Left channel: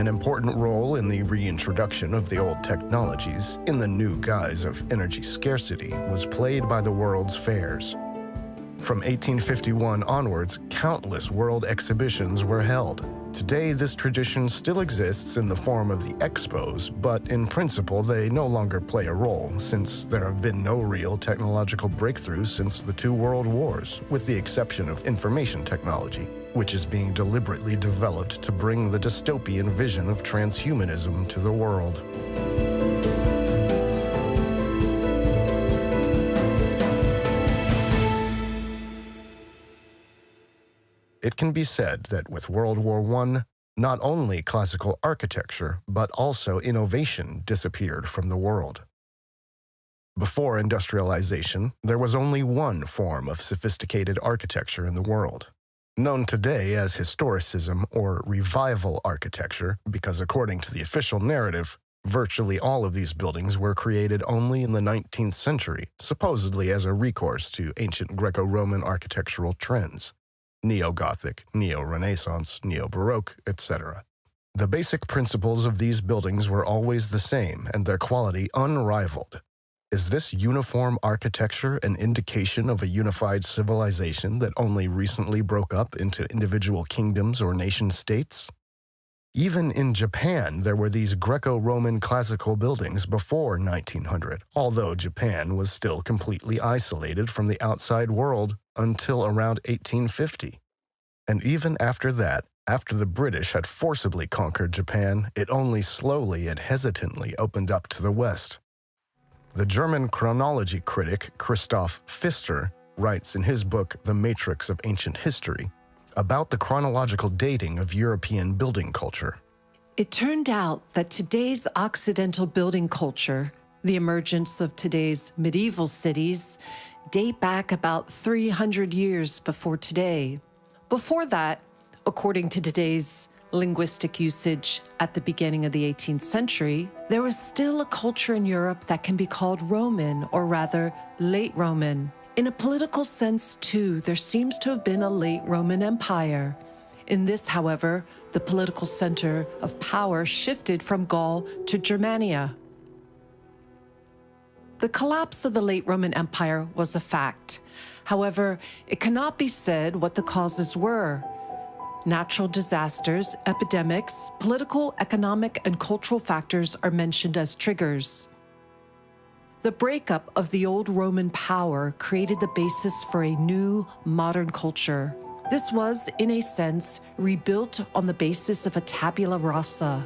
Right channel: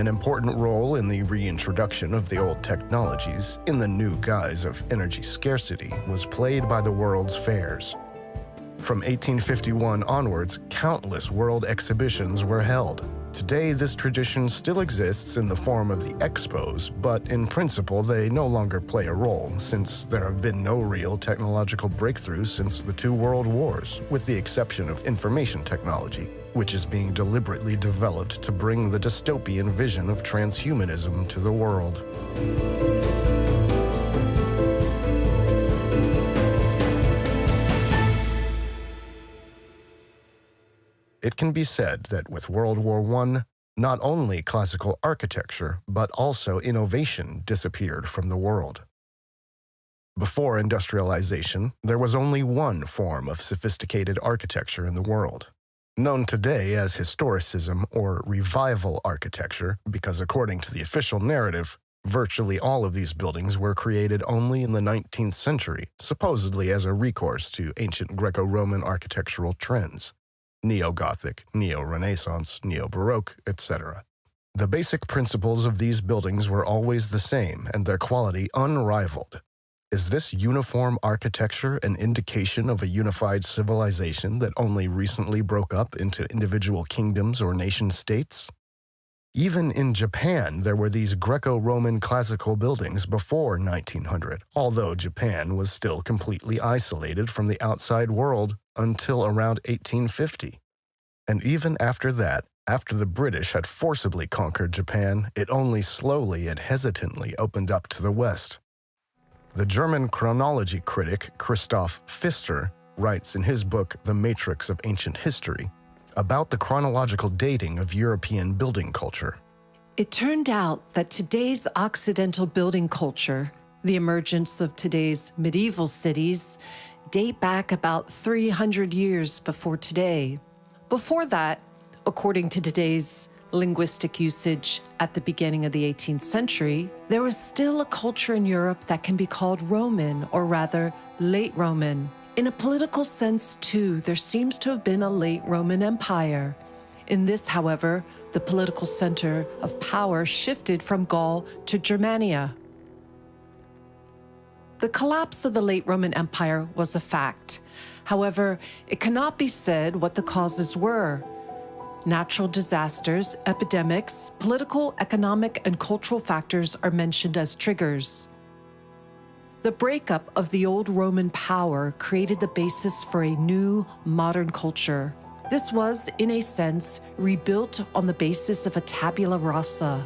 An important role in the reintroduction of the old technologies in the new guise of energy scarcity was played by the world's fairs. From 1851 onwards, countless world exhibitions were held. Today, this tradition still exists in the form of the expos, but in principle, they no longer play a role, since there have been no real technological breakthroughs since the two world wars, with the exception of information technology, which is being deliberately developed to bring the dystopian vision of transhumanism to the world. It can be said that with World War I, not only classical architecture, but also innovation disappeared from the world. Before industrialization, there was only one form of sophisticated architecture in the world, known today as historicism or revival architecture, because according to the official narrative, virtually all of these buildings were created only in the 19th century, supposedly as a recourse to ancient Greco-Roman architectural trends. Neo-Gothic, Neo-Renaissance, Neo-Baroque, etc. The basic principles of these buildings were always the same and their quality unrivaled. Is this uniform architecture an indication of a unified civilization that only recently broke up into individual kingdoms or nation-states? Even in Japan, there were these Greco-Roman classical buildings before 1900, although Japan was still completely isolated from the outside world until around 1850. And even after that, after the British had forcibly conquered Japan, it only slowly and hesitantly opened up to the West. The German chronology critic Christoph Pfister writes in his book The Matrix of Ancient History about the chronological dating of European building culture. It turned out that today's Occidental building culture, the emergence of today's medieval cities, date back about 300 years before today. Before that, according to today's linguistic usage at the beginning of the 18th century, there was still a culture in Europe that can be called Roman, or rather, late Roman. In a political sense, too, there seems to have been a late Roman Empire. In this, however, the political center of power shifted from Gaul to Germania. The collapse of the late Roman Empire was a fact. However, it cannot be said what the causes were. Natural disasters, epidemics, political, economic, and cultural factors are mentioned as triggers. The breakup of the old Roman power created the basis for a new, modern culture. This was, in a sense, rebuilt on the basis of a tabula rasa.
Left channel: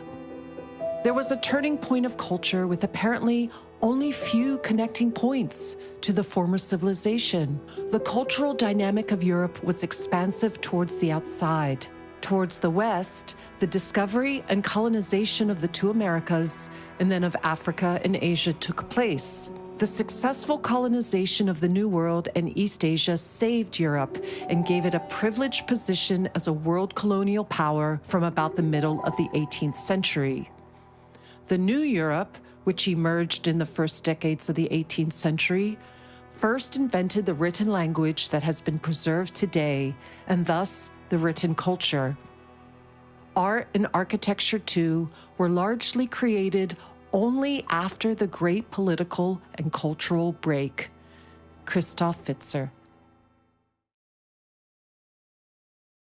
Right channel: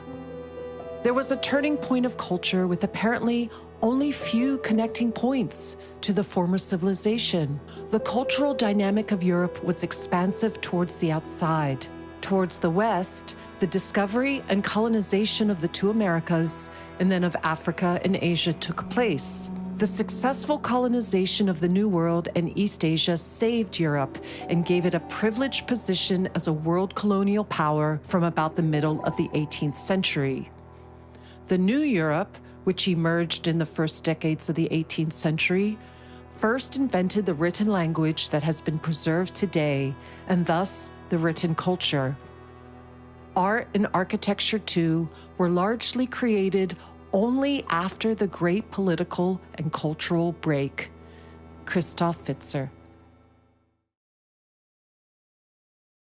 There was a turning point of culture with apparently only few connecting points to the former civilization. The cultural dynamic of Europe was expansive towards the outside. Towards the West, the discovery and colonization of the two Americas and then of Africa and Asia took place. The successful colonization of the New World and East Asia saved Europe and gave it a privileged position as a world colonial power from about the middle of the 18th century. The New Europe, which emerged in the first decades of the 18th century, first invented the written language that has been preserved today, and thus the written culture. Art and architecture, too, were largely created only after the great political and cultural break. Christoph Pfister.